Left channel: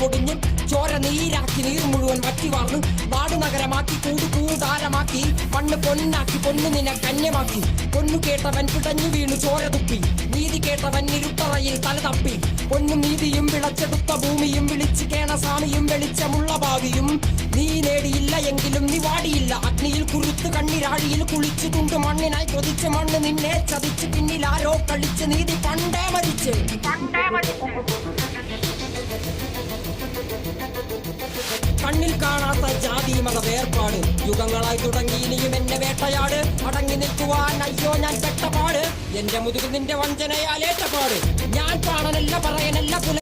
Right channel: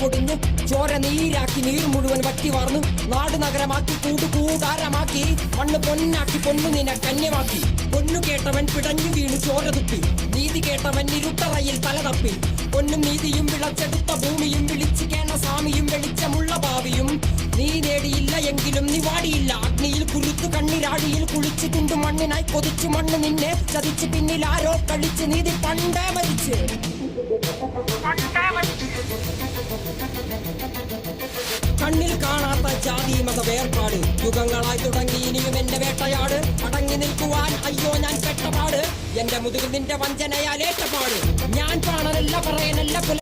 പൊടിഞ്ഞു ചോര നീരാക്കി നീർ മുഴുവൻ വറ്റി വാർന്നു നാട് നഗരമാക്കി കൂടാരമാക്കി മണ്ണ് പൊന്നാക്കി പൊന്നു നിന കന്യമാക്കി പൊന്നു കേട്ടവൻ പിടഞ്ഞു വീണു ചോര തുപ്പി നീതി കേട്ടവൻ ഇരുട്ടറയിൽ തല തപ്പി പൊന്നും നീതിയും വിളച്ചെടുത്ത ഭൂമിയും വിളിച്ചു കേണ സ്വാമിയും വെളിച്ചമുള്ള ഭാവിയും നീ നേടിയില്ല എങ്കിലും നീ വാടിയില്ല അഗ്നിയിൽ കുളിച്ചു കണ്ണിരാഴിയിൽ കുളിച്ചു കുണ്ടു മണ്ണിനായി കൊതിച്ചു മണ്ണ് നിന്നെ ചതിച്ചു പിന്നിൽ ആരോ കളിച്ച് നീതി പണ്ടേ മരിച്ച് കണ്ണിൽ കാണാത്ത ജാതി മത വേർപാട് യുഗങ്ങളായി തുടങ്ങി ഇനിയും എന്നെ വേട്ടയാട് അടങ്ങി നിൽക്കുവാൻ അയ്യോ ഞാൻ പെട്ടപാട് എന്റെ മുതുകിൽ നിന്റെ വഞ്ചനയാലേ